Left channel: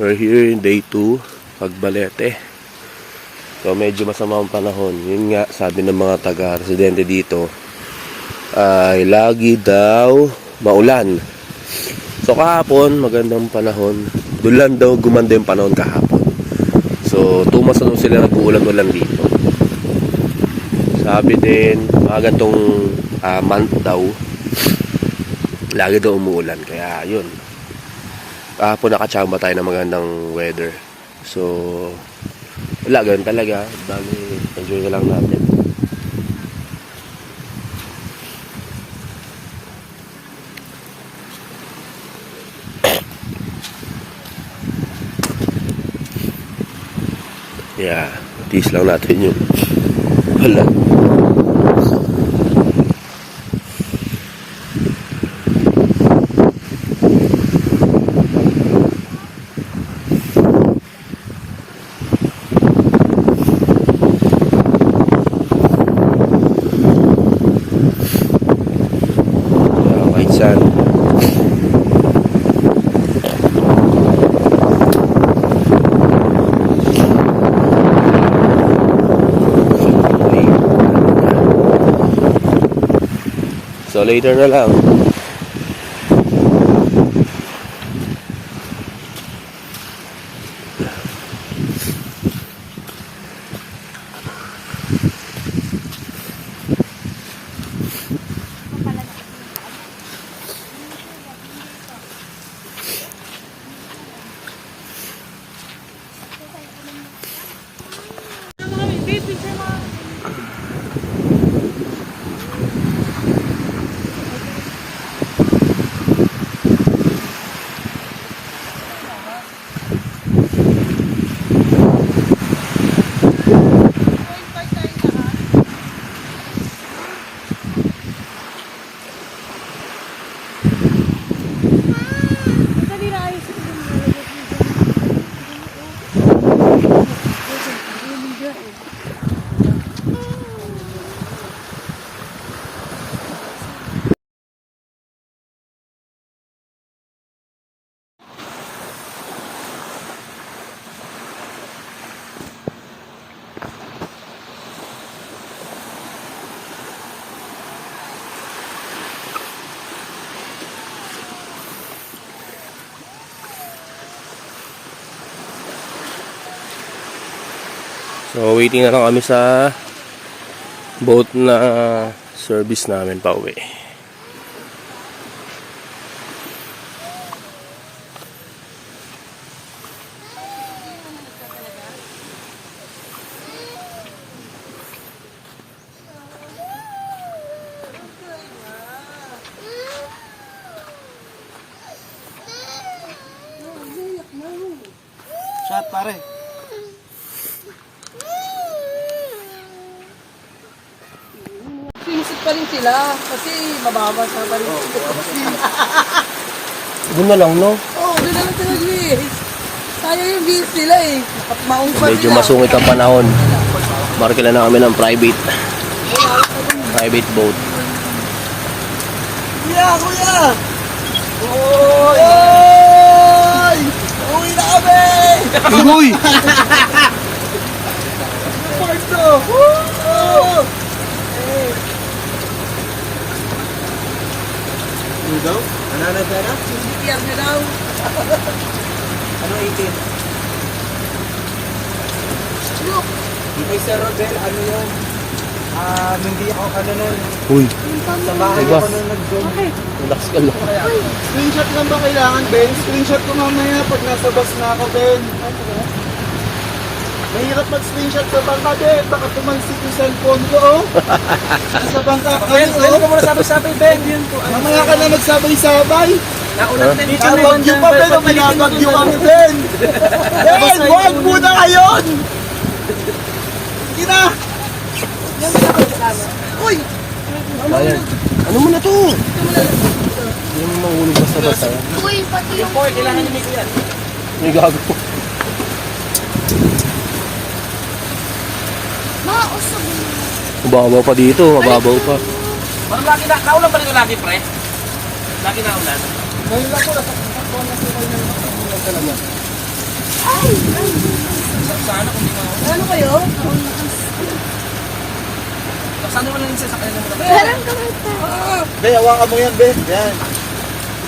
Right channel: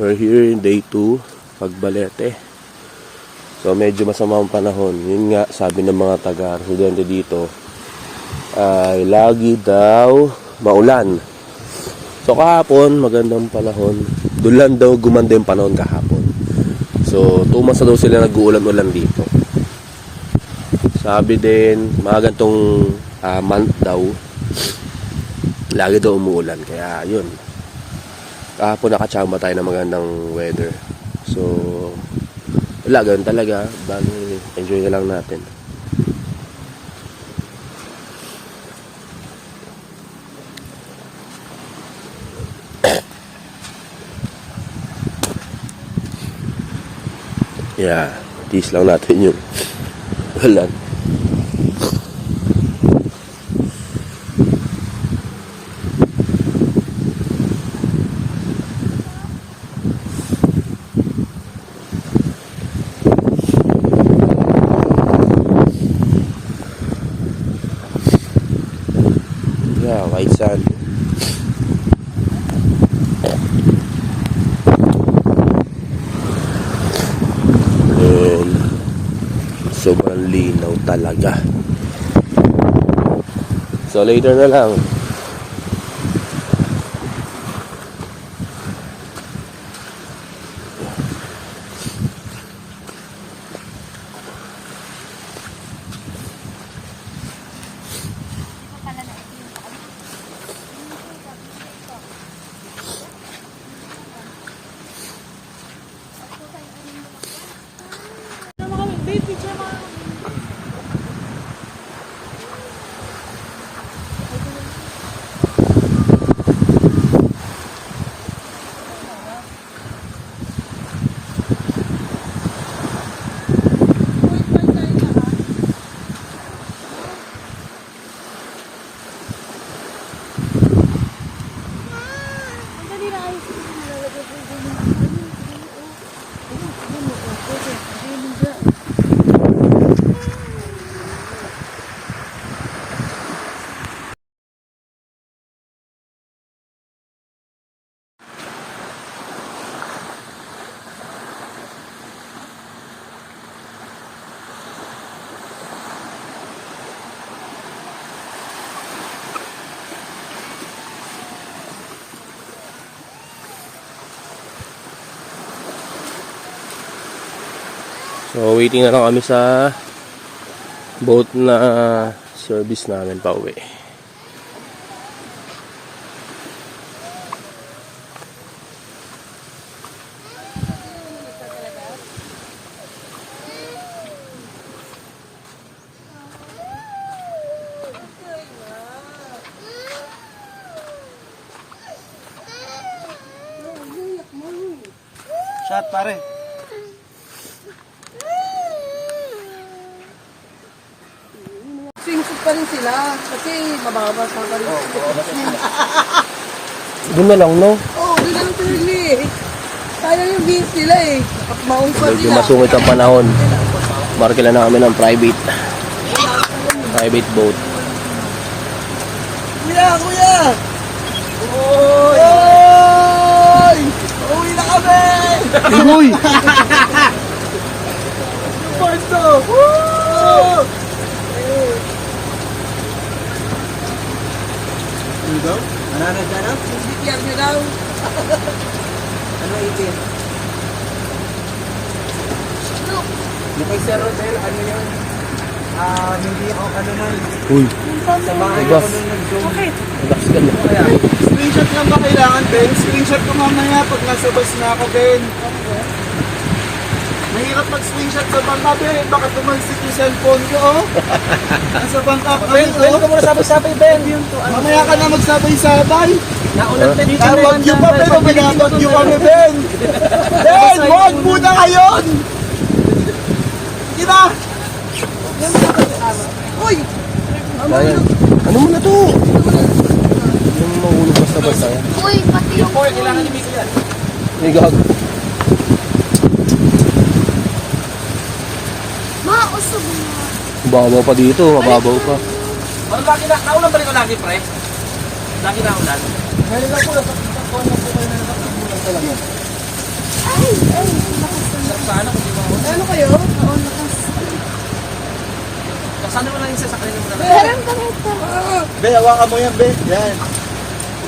We're here in day 2, Pagbalete. So medyo masama ang panahon. Yun nga, sabi ng mga taga-residente dito, ay lagi daw maulan. So kahapon, magandang panahon. Doon daw gumanda yung panahon kahapon. So, tumas na daw sila nag-uulan-ulan dito. Sabi din, mga gantong ah, month daw, lagi daw umuulan. Kaya, yun. Kahapon nakatsamba tayo ng magandang weather. So, wala, ganun talaga. Bali, enjoy na lang natin. Yeah, tease lang natin yun. Wala. Yeah, white sand. Sobrang lino talaga. Later na lang. So waiting na lang kami sa boat na service namin pa uwi. Swimsuit pa rin sila kasi mababa sa pa rin. Oo, Doon na lang, no? oh, gano'n talaga eh. Sayang yung beans sila eh. Maung pa Medyo sila. masungit ang panahon. Markila na kami ng private private boat. Kuya, kuya! Oy! Oy! Uwi na kami! Uy! Parto! Woo! Ano daw? Ano na pera? BTR nyo daw. Ano 18? Yung kay Sir Rodel, ano yun? Ah, hindi ako ano nun. Uy! Sa bahay Diba? ako nung nag-join. Bakit? Relax ka lang. Kaya, screenshot lang ba kailangan, Ben? Screenshot ko mamaya pag nasa bus na ako, Ben. Mahirap mag-screenshot sa bangka, Ben. Baka tumalsik yung cellphone ko, oh. Nasa bangka ka, Ben. Ben, ka muna sabay-sabay, Ben. Mamaya ka na magsabay-sabay. Huh? Hindi ka wag yung pa, Ben. Ang binabag yung ano, Ben. Ben, wag muna ngayon. Sige na. Uy! Bayan. Ano mo na to? Yung mahulog basta-basta yan. Uy, pati yung May gago. Mausog mo. Mababaw pa dito, mababaw pa. Parang lagi na, kaulan pa rin ko lagi, pre. Lagi na ulan. Ano kayo? Sana mo na rin siya sa kanila. Parang kami po. Be, hawakan mo yan, be. Yan.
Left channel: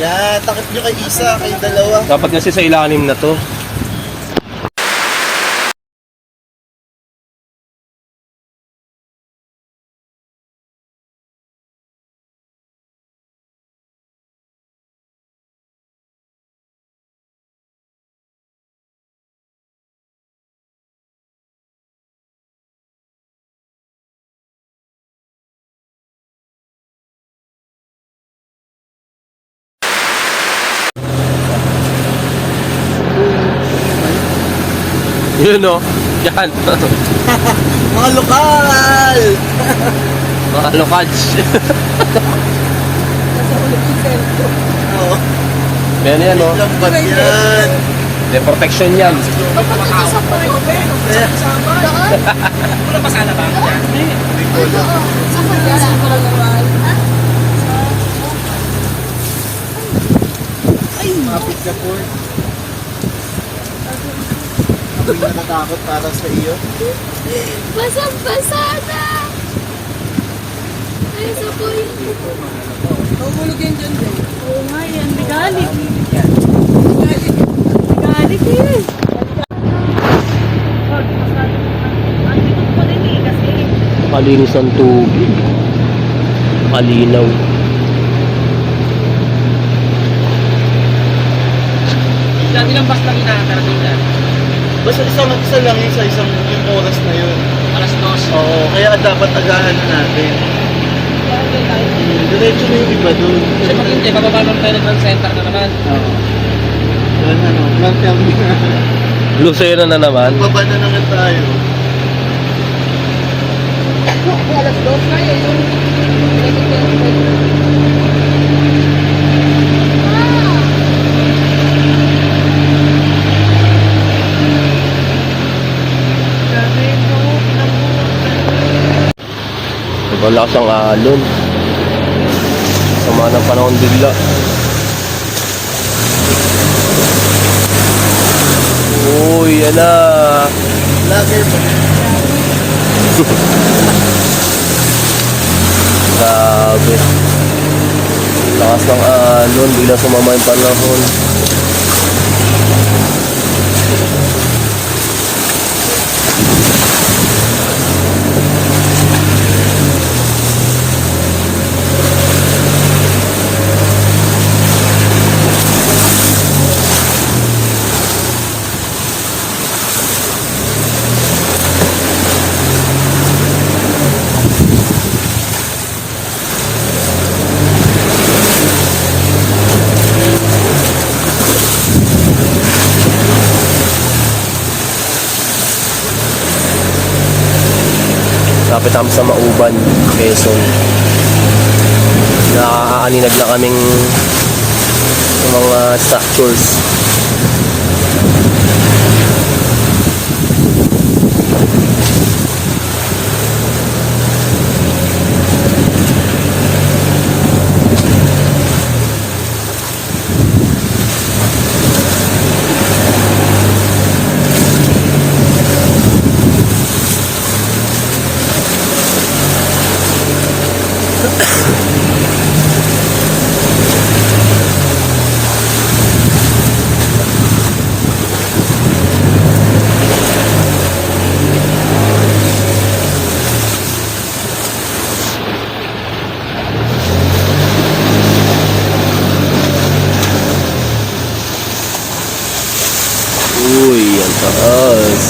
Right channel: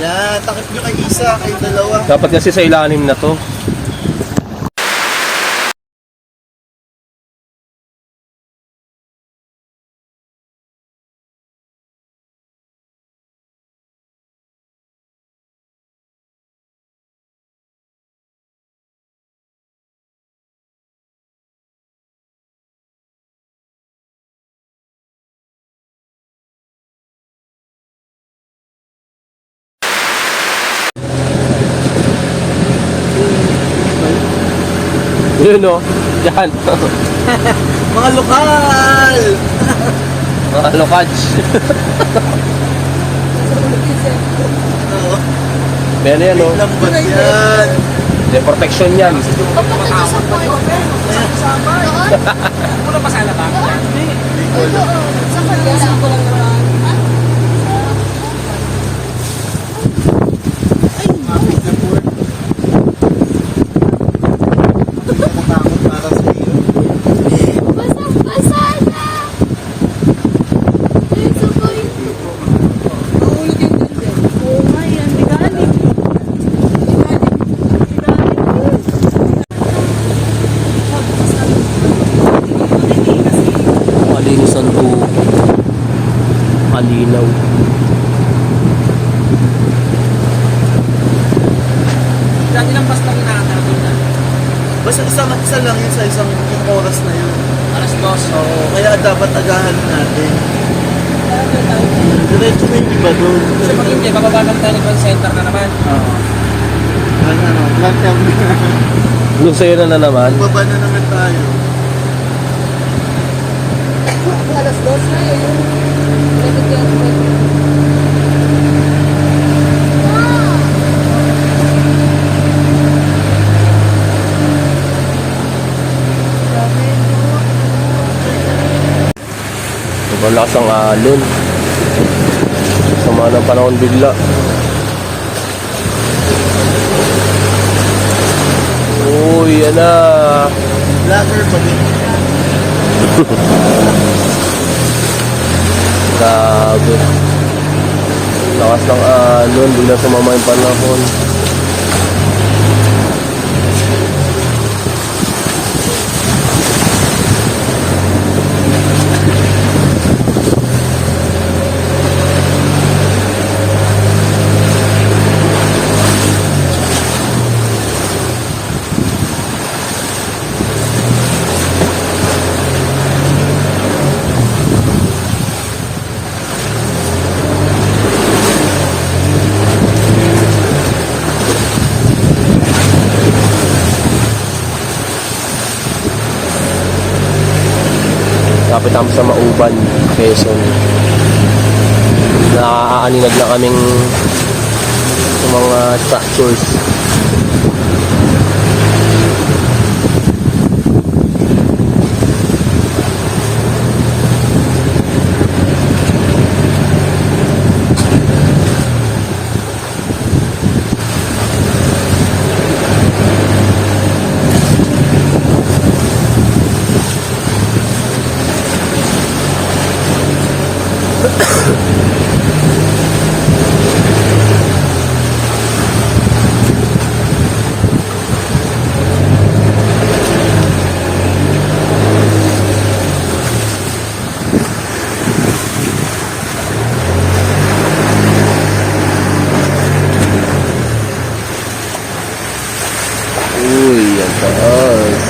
Yan, takip nyo kay isa, kay dalawa. Dapat kasi sa ilalim na to. Yun o. Yan. Mga lokal! Mga lokage. Oo. Yan yan o. Lambat yan. De protection yan. Papunta ka sa. Doon? Wala pa sana ba? Yan. Doon. Sa point. Hindi nakatakot para sa iyo. Basang-basa na. Ay, sa point. Mahulog yun dyan, Ben. Oo nga yan. Bigalit. Bigalit eh. Malinis ang tubig. Malinaw. Bus lang. Basta isang maksa lang yun sa isang yung oras na yun. Alas dos. Oo, kaya dapat agahan natin. Hmm, Diretso na yung iba doon. Kasi pag hindi, bababa ng Telegram Center na naman. Oo. Ano, lang kami. Na na naman. Baba na naman tayo. Alas dos na yun. Malakas ang alon. Sama ng panahon bigla. Uy, yan na. Vlogger pa. Grabe. Lakas ng alon. Bigla sumama yung panahon. Lapit kami sa Mauban, Quezon. Nakaaninag na kaming mga structures. Uy, ang taas.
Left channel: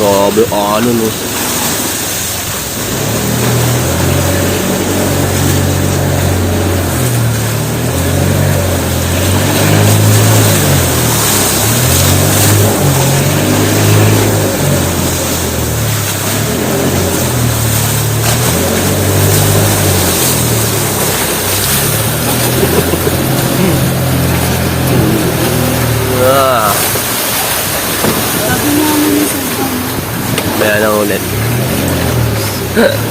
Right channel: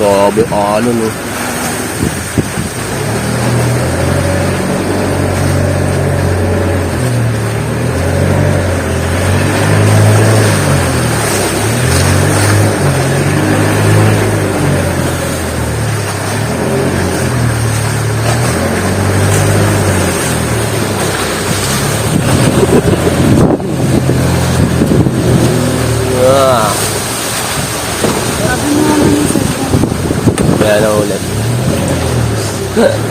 Grabe, alon oh. Malaki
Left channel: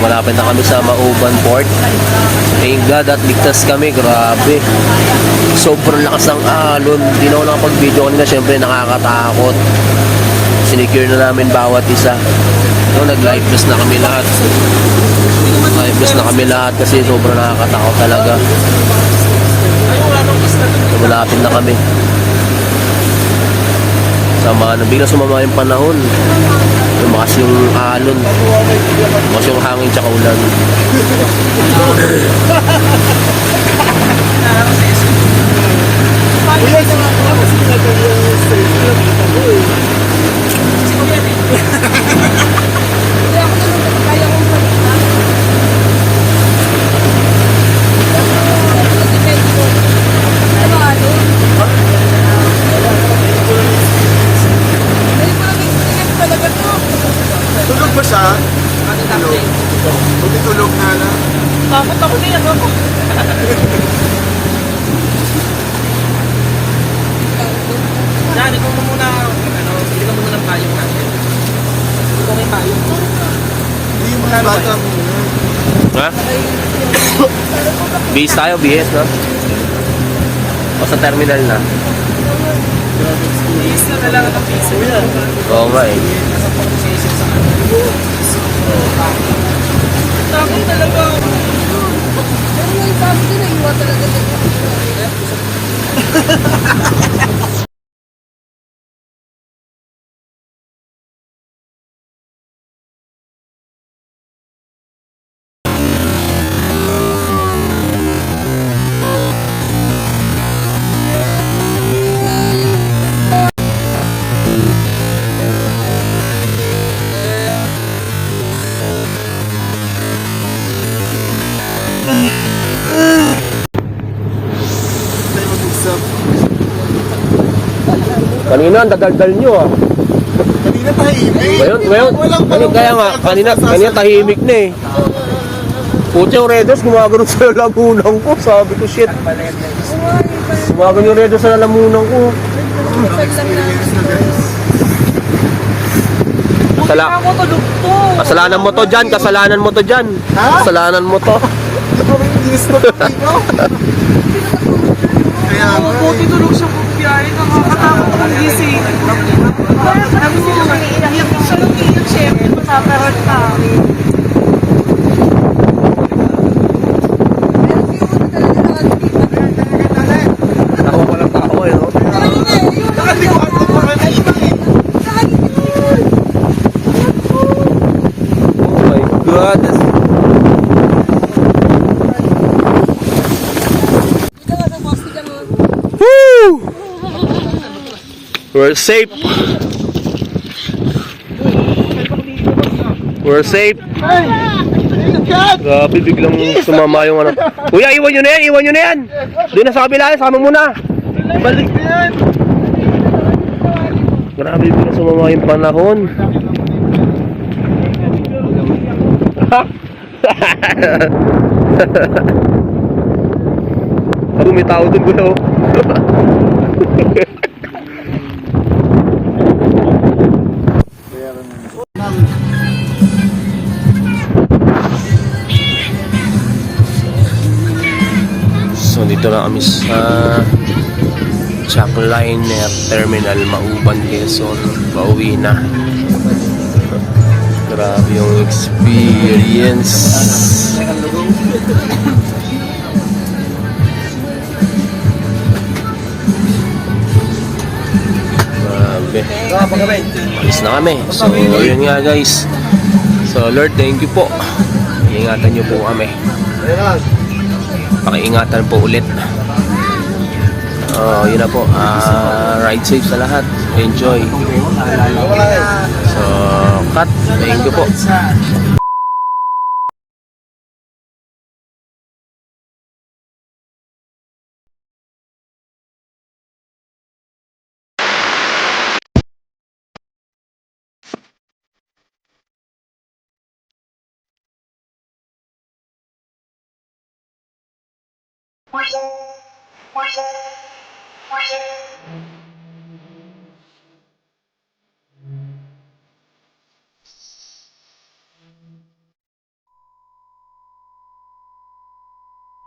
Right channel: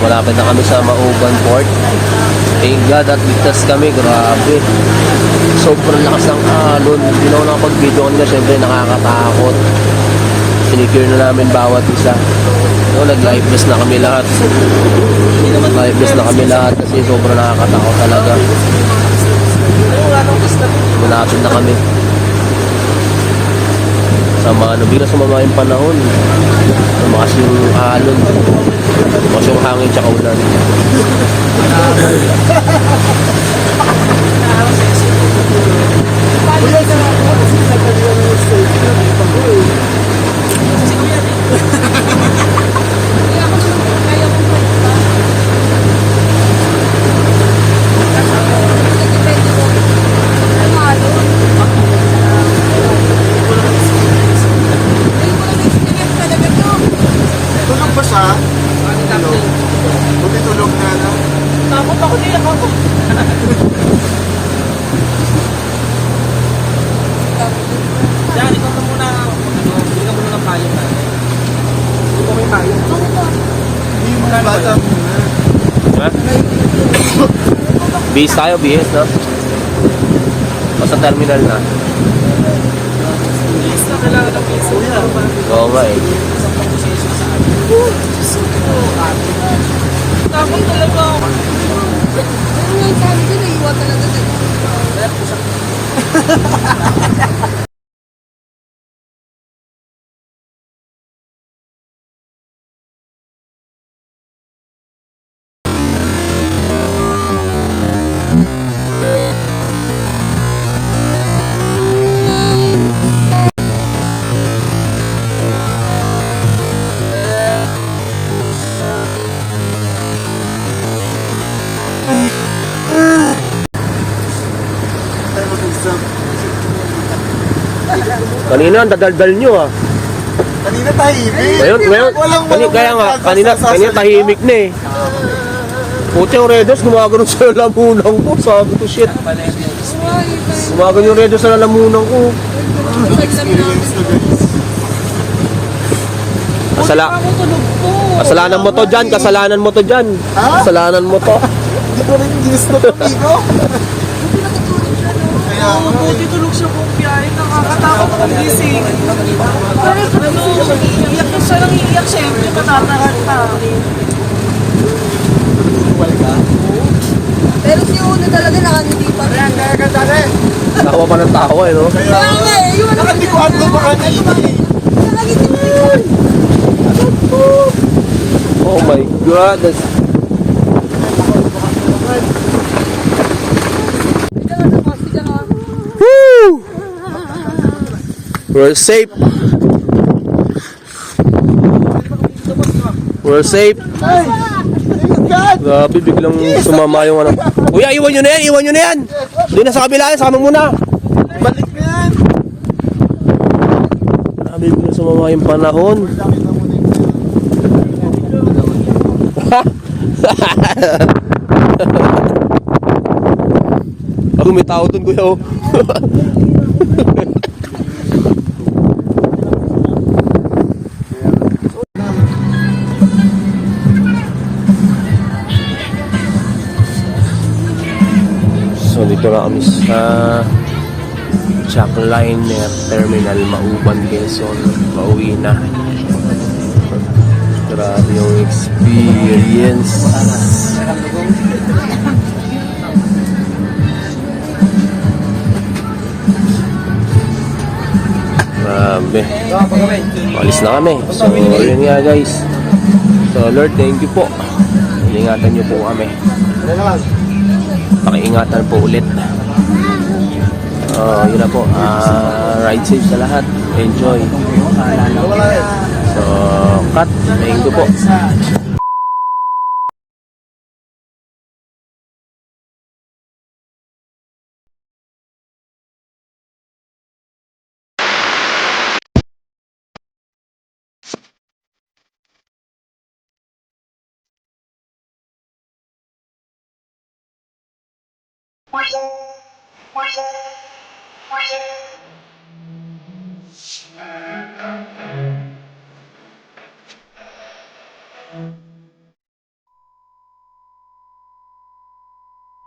malapit na kami sa Mauban Port. Thank God at ligtas kami, grabe. Sobrang lakas ng alon. Hindi na ako nakapag-video kanina, syempre nakakatakot. Sinecure na namin bawat isa. No, nag-live vest na kami lahat. Live vest na kami lahat kasi sobrang nakakatakot talaga. Malapit na kami. Sama, ano, bigla sumama yung panahon. Lumakas yung alon. Lumakas yung hangin tsaka ulan. Kuya, sa mga kasi nagkali yung station. Kita ko eh. Kaya kong pagka. Depende ko. Ano ano? Hindi ko lang experience talaga to. Tulog ba siya? Tulog. Buti tulog na na. Takot ako din ako. Yan, ikaw na muna, ano, bili ka muna ng payong natin. Ikaw may payong. Hindi mo na bata. Ha? Bihis tayo, bihis, no? O sa terminal na? Kuya. Oo nga eh. Dami talaga. Pero yung sabi ko, naiwan talaga dito. Kanina, ang dadaldal nyo ah. Kanina tahimik. Ngayon, ngayon, kanina, kaya nga, kanina, kanina tahimik na eh. Puti yung Redos, gumagano sa lamunan ko. Sabi ko, shit. Gumagano yung Redos sa lamunan ko. Na. Kasala kasalanan mo to dyan, kasalanan mo to dyan. Kasalanan mo to. Hindi ko rin ginusto ko dito. Kaya nga eh. tulog siya kung biyahe ka makakatakot ang gising. Ano, siya na. Pero si Uno talaga nakangiti pa. Tawa pa ng tawa eh, no? Kaya nga eh, yun. Baka hindi ko pa yun. Oh my God. That's... Woo! We're safe. We're safe. Grabe, biglang sumama yung ano. Kuya, iwan nyo na yan, iwan nyo na yan. Doon na sa kabila, sama mo na. Balik na yan. Grabe, biglang sumama yung panahon. Ako may tao dun, kuya. dito na kami sa Jackliner Terminal Mauban, Quezon. Pauwi na. Grabe yung experience. Grabe. Alis na kami. So, yun nga guys. So, Lord, thank you po. Ingatan niyo po kami. Pakiingatan po ulit. Oh, yun na po. Ah, ride safe sa lahat. Enjoy. So, cut. Thank you po. Thank you.